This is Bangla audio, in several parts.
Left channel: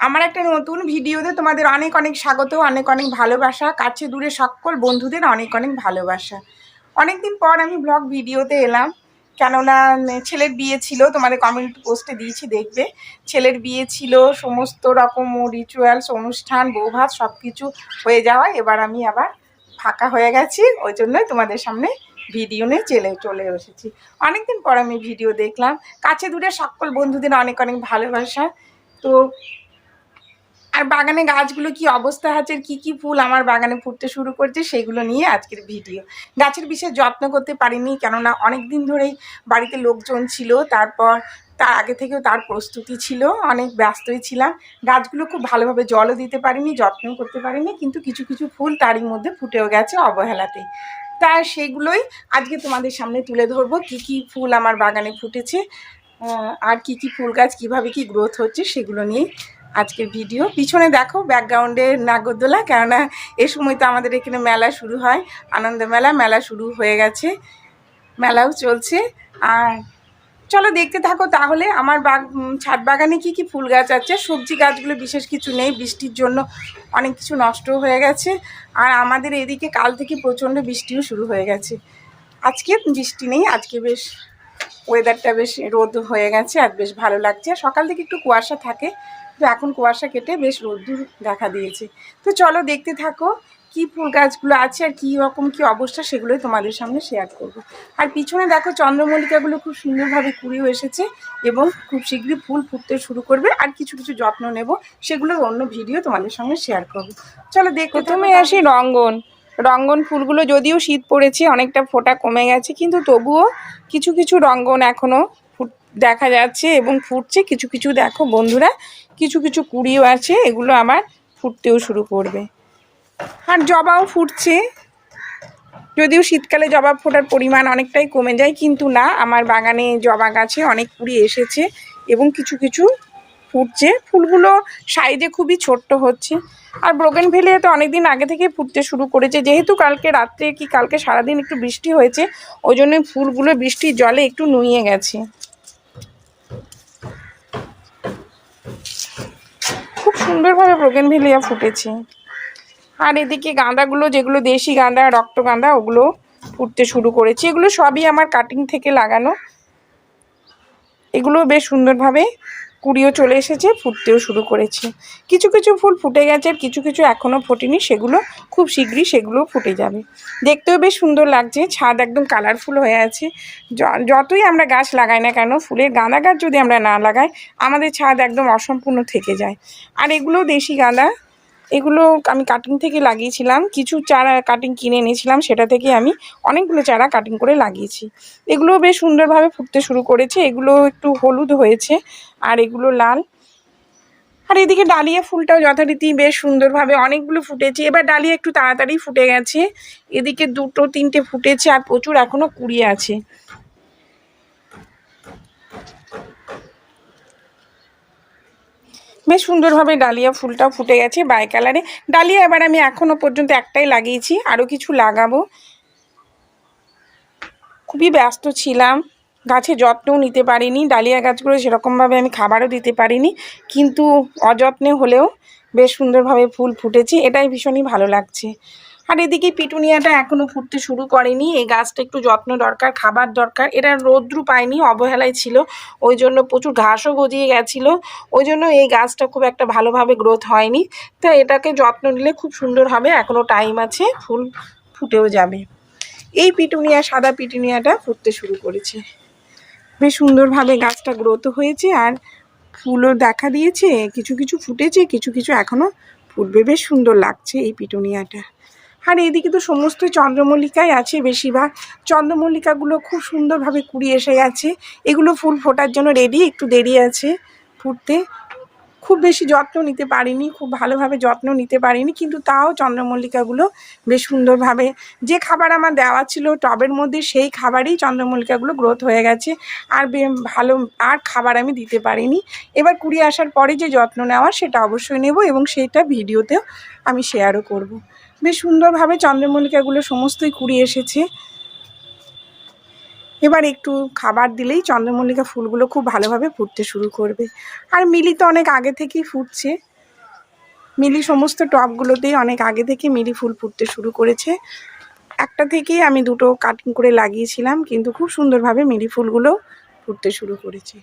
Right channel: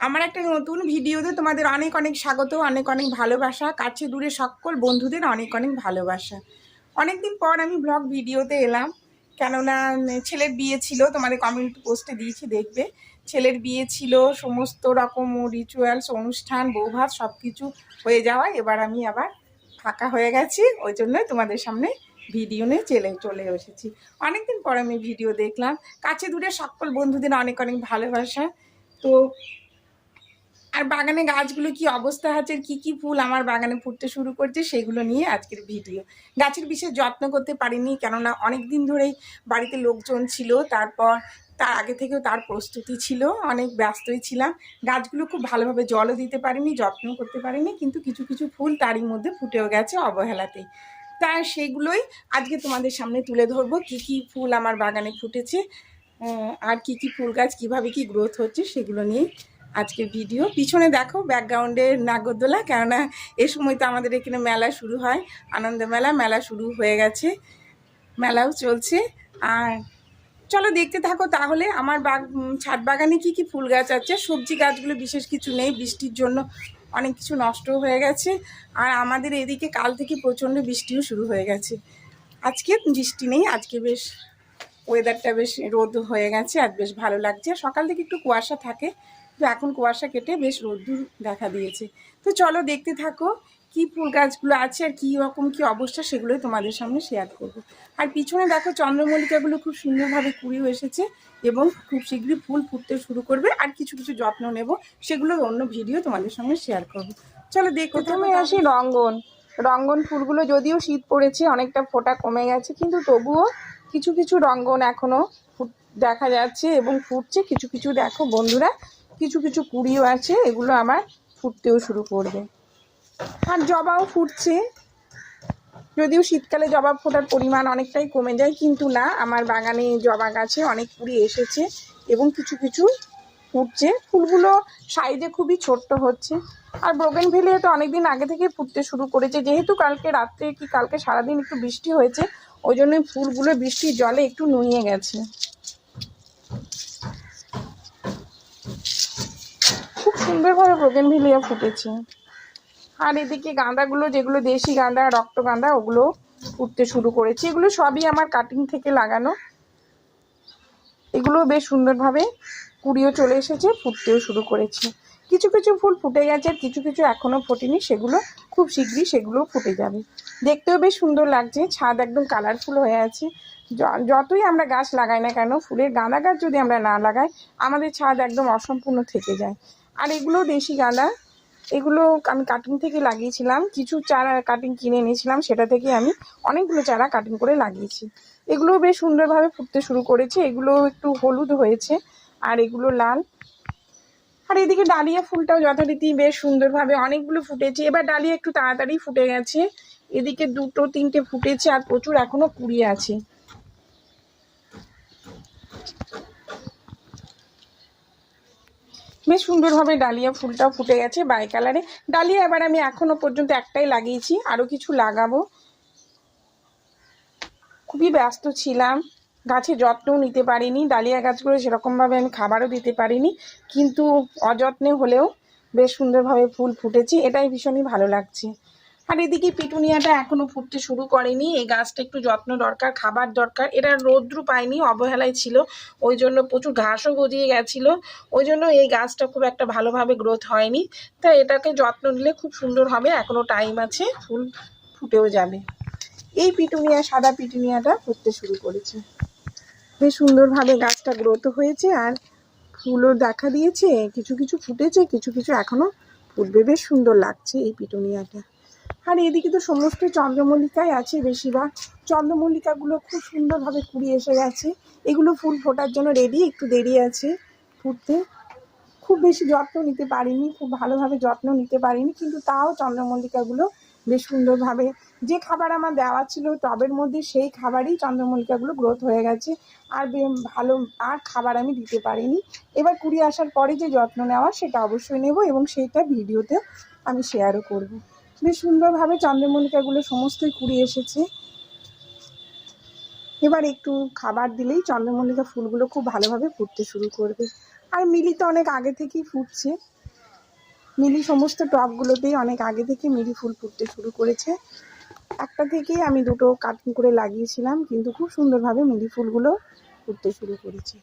আমার একটা নতুন ভিডিওতে তোমাদের অনেক অনেক স্বাগত, অনেক অনেক ভালোবাসা। কাছে দূরে সকল বন্ধুদের অনেক অনেক ভালোবাসা। অনেকদিন পর আমি ব্লগ ভিডিওতে এলাম, কেননা ছেলের বিয়ে ছিল, তোমাদের কমিউনিটি পোস্টে দিয়েছি দেখবে। ছেলের বিয়ে ছিল, সমস্ত রকম রিচুয়ালস, অনুষ্ঠান, বৌভাত সব কিছু হয়ে যাওয়ায় এবার আমি আবার ফাঁকা হয়ে গেছি। ওই জন্যই তোমাদের সামনে ভিডিও নিয়ে চলে এসেছি। অনেকদিন পর আমি ভিডিও দেখলাম। কাছে দূরে সকল বন্ধুদের অনেক অনেক ভালোবাসা। তো আর বাগানে গাছগুলো কি অবস্থা আছে, কি কি ফুল আমার বাগানে ফুটতে শুরু করছে সেগুলো নিয়ে আজকের ভিডিও। গাছের বিশেষ যত্ন করতে পারিনি, কেননা অনেক দিন ধরেই বাড়িতে লোকজন ছিল, তারপর তার আগে থেকেও তার প্রস্তুতি ছিল, অনেক ব্যস্তই ছিলাম। গাছগুলো খুব ভালোভাবে জলও দিতে পারিনি, যত্নও করতে পারিনি, কিন্তু কিছু কিছু ফুল তারই মধ্যে ফুটেও গেছে অবহেলাতেই। তা সেগুলোই আজকে তোমাদের সামনে তুলে ধরবো, কি কি ফুল আমার বাগানে ফুটেছে আর কি কি ফুল গাছ কীভাবে কি গ্রোথ হচ্ছে সেগুলো নিয়ে আজকের ভিডিও। পিছনে দেখো ব্যাকগ্রাউন্ডে নাগরদোলা, কেননা এ সময় তো আমাদের এখানে মেলা শুরু হয়, আনন্দ মেলা। মেলা শুরু হয়ে গেছে, মেলাও চলছে। আর চলো দেখতে থাকো তাহলে আমার ছাদ বাগানে কি কি ফুল গাছ আছে। সবজি গাছগুলো বিশেষ কিছু নেই, বৃষ্টির জন্য অনেক কিছু নষ্ট হয়ে গেছে। আর আমাদের এদিকে কাল থেকে প্রচণ্ড বৃষ্টিও শুরু হয়ে গেছে। আজকে বৃষ্টি নেই, আজকে বেশ ওয়েদারটা বেশ রোদ হয়ে গেছে আর বেশ ভালো লাগছে। সকাল থেকে একটু কুয়াশা থাকে, তো এখন কুয়াশা কেটে বেশ রোদ্দুর দেখা দিয়েছে। তো চলো দেখতে থাকো কি ফুল গাছগুলো আছে আর কী রকম কী অবস্থা সেগুলোই তোমাদের সামনে শেয়ার করব। আর পিছনে দেখো চন্দ্রমল্লিকাগুলো খুব সুন্দরভাবে কুড়িও এসেছে এবং খুব শীঘ্রই ফুল ফুটতে শুরু করবে। আর কিছু কিছু যত্ন নেব, সেগুলোর অন্য ভিডিও তোমাদের সঙ্গে শেয়ার করব। চলো দেখো। প্রথমে আসি রঙ্গন ফুলগুলো, যদিও শীত পড়েছে অনেকটা ফোঁটা কমে গেছে, কিন্তু তবুও কিছু কিছু রঙ্গন এখনও দেখা যাচ্ছে এবং ফুটছে। কিছু কিছু দেখো বন্ধুরা, কিছু কিছু কুড়িও আছে, এগুলো আমার ফুটতেও শুরু করবে। আর জবাও ফুটছে, যদিও শীতকালে জবা ফোটার পরিমাণ অনেকটাই কমে যায়, কিন্তু না, আমার বাগানে জবা গাছে অনেক কুড়ি এসেছে এবং কিছু কিছু ফুটছে। ফুলগুলো সাইজে খুবই ছোট্ট হচ্ছে। আর বোগেনভেলিয়া তো অনেকদিন আগে থেকে ফুটতে শুরু করেছে, যেহেতু কালকে রাত্রে কি কালকে সারাদিন একটু বৃষ্টি হয়েছে, ওই জন্য ফুলগুলো বৃষ্টির জলে একটু নুয়ে গেছে। খুব সুন্দরভাবে বোগেনভেলিয়া ফুটেছে। আর এদিকে গাঁদাগুলো, যেগুলো দেশি গাঁদা, রক্তগাঁদা, ওগুলো ফুটতে শুরু করেছে। এগুলো সবই আমার কাটিং থেকে লাগানো। এগুলো বেশ সুন্দরভাবে কুড়িও চলে এসেছে, ফুটতেও শুরু করেছে। কিছু কিছু ফুল ফুটে গেছে আর কিছু কিছু এখনও ফোটেনি, সেগুলো খুব শীঘ্রই সেগুলো ফুটে যাবে। দেখতেও বেশ সুন্দর লাগছে, ছাদ একদম কালারফুল হয়ে আছে। যতই আমরা গাছ লাগাই না কেন, ফুলের গাঁদা গাছ যদি আমরা না লাগাই, আমাদের ছাদ একদম অসম্পূর্ণ থেকে যায়। আর এগুলো দেশি গাঁদা, এগুলো আমি কাটিং থেকে লাগিয়েছিলাম। কিছু চারা কাটিং কিনে এনেছিলাম, সেটা থেকে আমি অনেকগুলো চারা কাটিং করে লাগিয়েছি। এগুলো বেশ সুন্দরভাবে ফুটতে শুরু করেছে। এগুলো একটু হলুদ হয়েছে আর এগুলো লাল। আর এদিকে ডালিয়া ফুলটাও যথারীতি বেশ সুন্দরভাবে অনেকগুলো ফুটেছে। এবার ডালিয়া একটু তাড়াতাড়ি ফুটে গেছে, এদিকে দুটো তিনটে ফুটেছে আর প্রচুর এখনও কুড়িয়ে আছে। বেশ সুন্দরভাবে ডালিয়া ফুলটাও ফুটে গেছে বাই কালারে। ডালিয়া এবার আমি এখনও পর্যন্ত একটাই লাগিয়েছি, আরও কিছু লাগাবো। খুবই ব্যস্ত ছিলাম, গাছে যত্নও নিতে পারিনি। ডালিয়া গাছগুলো সেরকমভাবে আমি খাবারও দিতে পারিনি, কিন্তু অযত্নে হলেও বেশ সুন্দরভাবে ফুল ফুটেছে, এটাই ভীষণই ভালো লাগছে। আর এদিকে পিটুনিয়াটা এখনও ফুটতে শুরু করেনি। এই গাছটা একটু যত্ন দরকার, খাবার দরকার। এটা রৌদ্র পায়নি, অবহেলায় ছিল, ওই জন্য প্রচুর ঘাসও গজিয়ে গেছিলো, ওই জন্য এই গাছটা খুব একটা ভালোভাবে গ্রোথ হয়নি। তা এটাকে যত্ন নিলে খুব সুন্দর হবে, এখনও টাইম আছে, ফুল ফুটেও যাবে। এই পিটুনিয়া, সাদা পিটুনিয়াটা ফুটতে শুরু করেছে, বেশ সুন্দরভাবে গাছটা গ্রোথ হয়েছে আর ফুলও দেখা দিয়েছে। কিছু কিছু ফুটেছে, কিছু কিছু এখনও ফুটবে। বেশ সুন্দর লাগছে এই পিটুনিয়াটা। আর এইদিকে তো সমস্ত চন্দ্রমল্লিকাই আছে, বেশিরভাগ চন্দ্রমল্লিকাগুলো খুব সুন্দরভাবে কুড়ি এসে গেছে। এগুলো ফুল ফোটার জন্য রেডি, একটু দেরি আছে ফুটতে। খুব বেশি যত্ন নিতে পারিনি, খুব ভালোভাবে যত্ন নিতে পারিনি, কিন্তু তাও চন্দ্রমল্লিকাগুলো বেশ সুন্দরভাবে, যে খাবার আমার দেওয়া ছিল টবের মধ্যে, সেই খাবারেই চন্দ্রমল্লিকাগুলো গ্রোথ হয়ে গেছে। আর ভালো আর খাবার আমি দিতে পারিনি। এবার কুড়িয়ে আসার পরে যে যত্ন নেওয়া, সেটা অবশ্যই নেব এবং সেইটা ভিডিওতেও আমি শেয়ারও করব। বেশ সুন্দরভাবে চন্দ্রমল্লিকাগুলো সমস্তই কুড়িয়ে এসেছে। এবার একটু খাবার দিলেই চন্দ্রমল্লিকা ফুলগুলো খুব ভালোভাবে ফুটতে শুরু করবে। আর মিলি তো অনেক আগে থেকেই ফুটছে, মিলি সমস্ত টবগুলোতেই অনেক আগে থেকে মিলি ফুল ফুটতে শুরু করেছে। একটা থেকেই আমি দুটো কাটিং করে লাগিয়েছিলাম, কিন্তু খুব সুন্দরভাবে মিলি ফুলগুলো ফুটতে শুরু করেছে।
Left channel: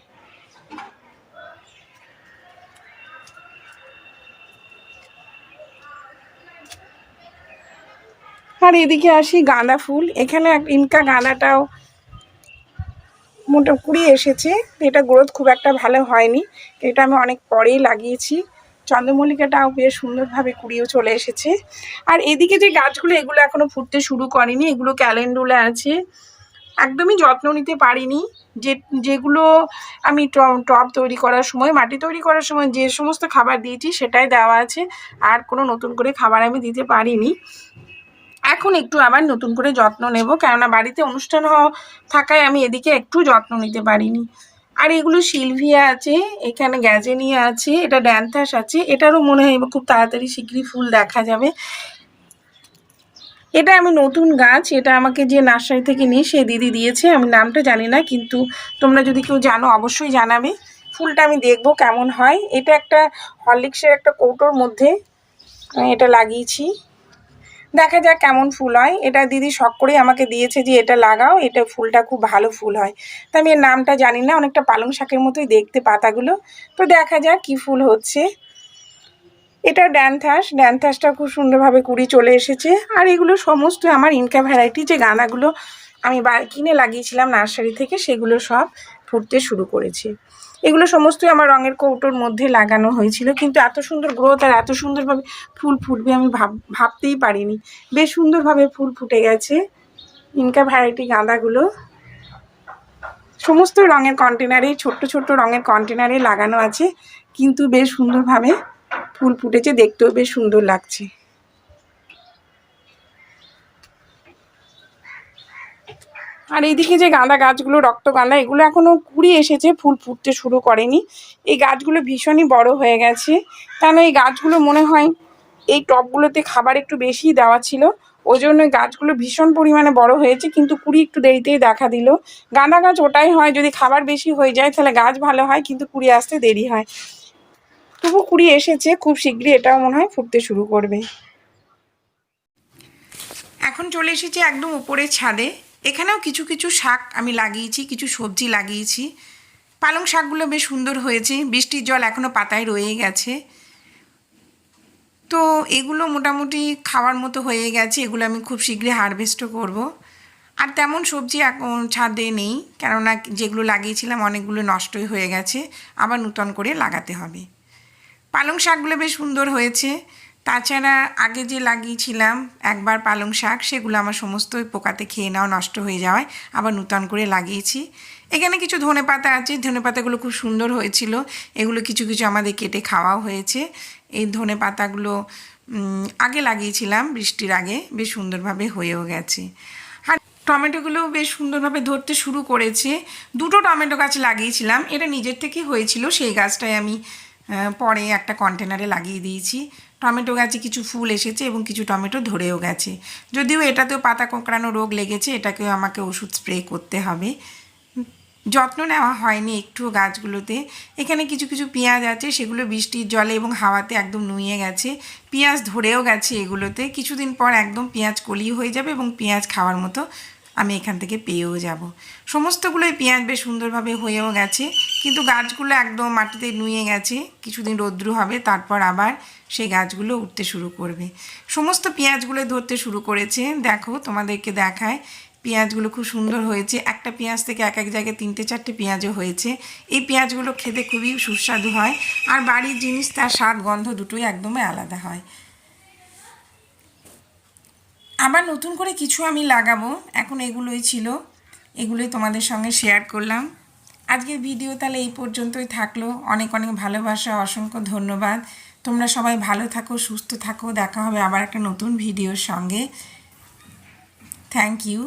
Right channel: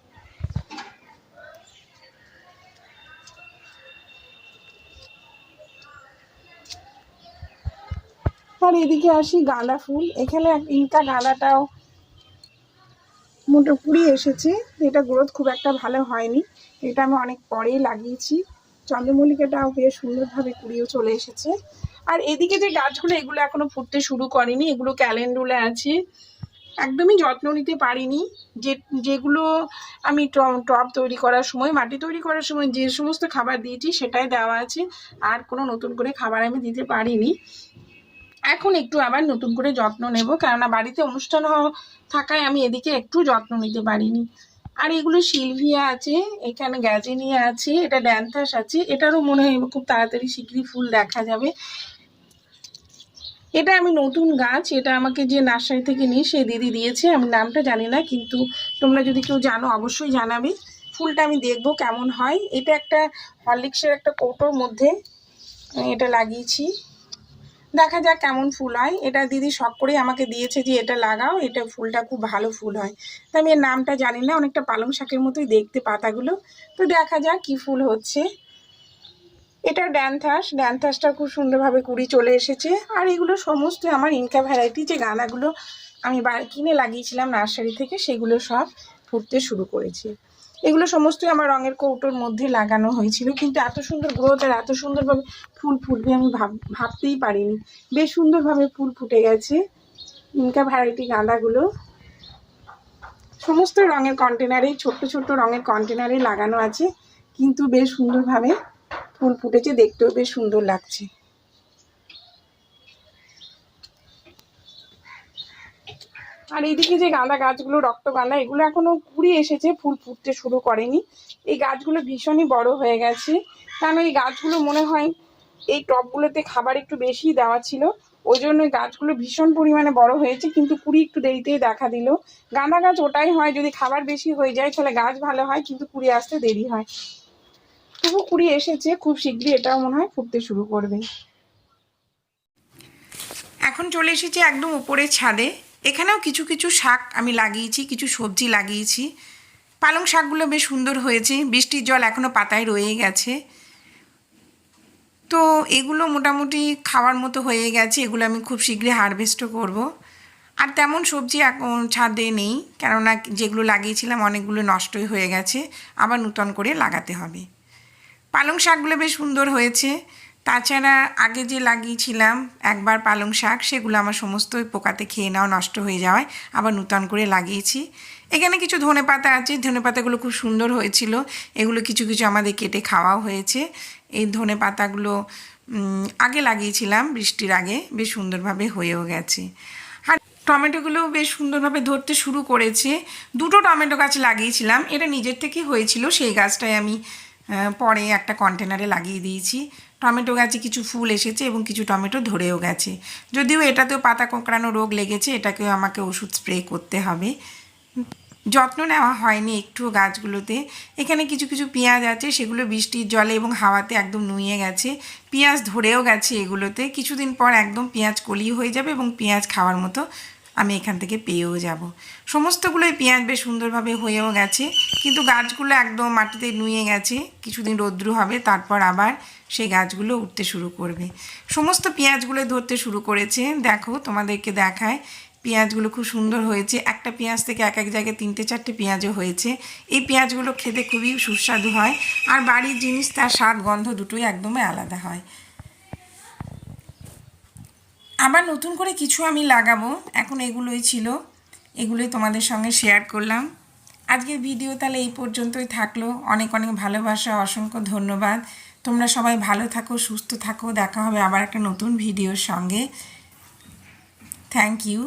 আর এদিকে আসি গাঁদা ফুল। এখানে ইনকা গাঁদাটাও মোটা কুড়ি এসেছে, এটা গ্রোথ খুব একটা ভালো হয়নি, এটা আমি অনেক পরেই লাগিয়েছি। চন্দ্রমল্লিকাটাও বেশ সুন্দরভাবে কুড়িয়েও চলে এসেছে। আর এদিকে যে গাছগুলো, এগুলো এখনো ফুটতে শুরু করেনি, এগুলো ক্যালেন্ডুলা আছে, একদমই যত্ন নিতে পারিনি। যেগুলো আমি টব তৈরি করার সময়, মাটি তৈরি করার সময় যে সমস্ত খাবার দিয়েছি সেটাই দেওয়া আছে, আর কোনো নতুন করে খাবার আমি দিতে পারিনি। এখন একটু আবার নতুন করে যত্ন নেব, কেননা বাড়িতে অনুষ্ঠান থাকায় আমি এদিকে একটু যত্ন নিতে পারিনি। আর এগুলো সিলভিয়া আছে, এখানে গ্যাজেনিয়া আছে, এটা ড্যান্থাস আছে, এটারও মনে হয় খুব তাড়াতাড়ি শীঘ্রই ফুল দেখা যাবে। এটা আমি নতুন গাছ, এটা আমাকে যে নার্সারি থেকে নিয়ে সে দিদি দিয়েছে, আমি নামটা জানি না, কিন্তু তোমরা যদি কেউ জানো অবশ্যই জানাবে। ফুলটা আমি দেখবো কেমন হয়। এটা একটা হরলিক্সের একটা কৌটোর মধ্যে এটা লাগিয়েছি, দেখা যাক কেমন ফুল হয়। এটা দিদি শখ করেই আমাকে দিয়েছে যে এটা লাগাও, এটা ফুলটা খুব ভালো ফুল হয়। তা আমি এর নামটা জানি না, অনেকটা পালং শাকের মতোই দেখতে পাতাগুলো, তো দেখা যাক কি ফুল হচ্ছে। এটা ড্যান্থাসটা খুব সুন্দরভাবে কুড়ি চলে এসেছে। আর এগুলো সমস্ত আমার ইনকা ভ্যারাইটি, যে গাঁদাগুলো আমি কিনে লাগিয়েছিলাম নার্সারি থেকে, সেগুলো সব ফুটতে শুরু করেছে। এগুলো সমস্তই আমার রঙের কৌটোর মধ্যে লাগানো হয়েছিল, কিন্তু এত সুন্দর গ্রোথ আর এত সুন্দরভাবে ফুল ফুটবে আমি ভাবতেই পারিনি। বেশ সুন্দরভাবে ফুল ফুটে গেছে ইনকা ভ্যারাইটি গাঁদাগুলো। সমস্ত রঙের কন্টেনারে, ছোট্ট ছোট্ট রঙের কন্টেনারে লাগানো আছে, কিন্তু বেশ সুন্দরভাবে ফুল ফুটেছে, দেখতেও বেশ সুন্দর লাগছে। আর এইদিকে যে গাঁদা গাছগুলো, রক্তগাঁদা, এগুলো এখনও কুড়ি এসেছে, ফুল ফুটতে শুরু করেনি। এই গাছগুলো ভীষণই বড় হয়ে গেছে, কারণ এই গাছগুলো মনে হয় এই টবগুলোতে খাবার একটু বেশি দেওয়া ছিল, ওই জন্য গাছগুলো ভীষণ পরিমাণে বড় হয়েছে, কিন্তু কুড়ি একটু দেরিতেই দেখা দিল। গাঁদা গাছ ওটাই হয়, যদি খাবার বেশি হয়ে যায় তাহলে গাছ ভালো হয়, কিন্তু কুড়ি আসতে দেরি হয়। তবু কুড়ি এসেছে, খুব শীঘ্রই এটাও মনে হয় ফুটতে শুরু করবে। এখন চলে এসেছি একদম উপরের ছাদে। এখানেও কিছু কিছু শাক আমি লাগিয়েছি, কিছু সবজি লাগিয়েছি। পালং শাকগুলো বেশ সুন্দর হয়েছে, বৃষ্টির জল এখনও পাতায় রয়ে গেছে, তো এগুলো মোটামুটি খাওয়ার মতো হয়ে গেছে। এগুলো আমি খুব শীঘ্রই হারভেস্টও করব। আর তেমন সবজি এখন ছাদে নেই, কেননা যেগুলো লাগিয়েছিলাম অনেকগুলো নষ্টই হয়ে গেছে, আবার নূতন করে লাগাতে হবে। পালং শাকগুলো বেশ সুন্দর হয়েছে। তাছাড়া আগে যে লাগিয়েছিলাম একবার পালং শাক, সেগুলো আমার সমস্ত পোকাতে খেয়ে নেওয়া, নষ্ট হয়ে যাওয়ায় আবার নূতন করে লাগিয়েছি। এখানে কিছু ধনেপাতা আছে, ধনেপাতাগুলো খুব সুন্দর হয়েছিল, এগুলো কিছু কিছু আমাদের কেটে খাওয়াও হয়েছে। এই ধনেপাতাগুলো আগে লাগিয়েছিলাম বৃষ্টির আগে, বেশ সুন্দরভাবে হয়েও গেছে। আর টমেটোগুলো বেশ সুন্দরভাবে ধরতে শুরু করেছে। দুটো টমেটো গাছ লাগিয়েছিলাম, এটা নিজের থেকেই হয়েছিল, সেই গাছটাই আমি পরে একটা কন্টেনারে লাগিয়ে দিয়েছি। টমেটো গাছে কিছু ফুল এসেছে এবং কিছু টমেটো ধরেও গেছে, যদিও এটাতেও পাতা কোঁকড়ানো রোগ লেগেছে, এটাকেও আমাকে ওষুধ স্প্রে করতে হবে। যত্ন নেওয়া হয়নি একটুও গাছগুলোতে। এখানে কিছু কিছু পেঁয়াজ আছে, সেগুলো বৃষ্টির জলে এবং হাওয়াতে একদম নুয়ে গেছে, পেঁয়াজ ধরেও গেছে এগুলোতে। কিছুদিন পর একদম পেঁয়াজ কলি হয়ে যাবে এবং পেঁয়াজ খাওয়ার মতো আমি এখান থেকে পেয়েও যাব। সমস্তগুলোই পেঁয়াজ বেশ সুন্দরভাবে হয়েও গেছে, কিন্তু গাছগুলো একদম মাটিতে নুয়ে গেছে। কিছুদিন রৌদ্র হবে, তারপর আবার সেই গাছগুলো উঠতে শুরু করবে। সমস্ত পেঁয়াজগুলো ধরতে শুরু করেছে, দেখো তোমাদেরকে দেখায়। পেঁয়াজগুলো খুব সুন্দর হয়েছে, একটা পেঁয়াজ থেকে এক এক জায়গায় 3-4টে পেঁয়াজও হয়েছে। এই পেঁয়াজগুলো খেতে খুবই সুস্বাদু হয়, আর বাড়ির জিনিস তার স্বাদ গন্ধ দুটোই একদমই আলাদা হয়। আবার নতুন করে কিছু আমি লাগাবো, এখন এগুলোই ছিল, এগুলোই তোমাদের সঙ্গে শেয়ার করলাম। আজকের ভিডিও তাহলে এই পর্যন্তই থাকলো। অনেক অনেক ভালোবাসা, অসংখ্য ধন্যবাদ। তোমরা সবাই ভালো থাকো, সুস্থ থাকো, দেখা হবে আবার একটা নতুন ভিডিওর সঙ্গে। Thank you.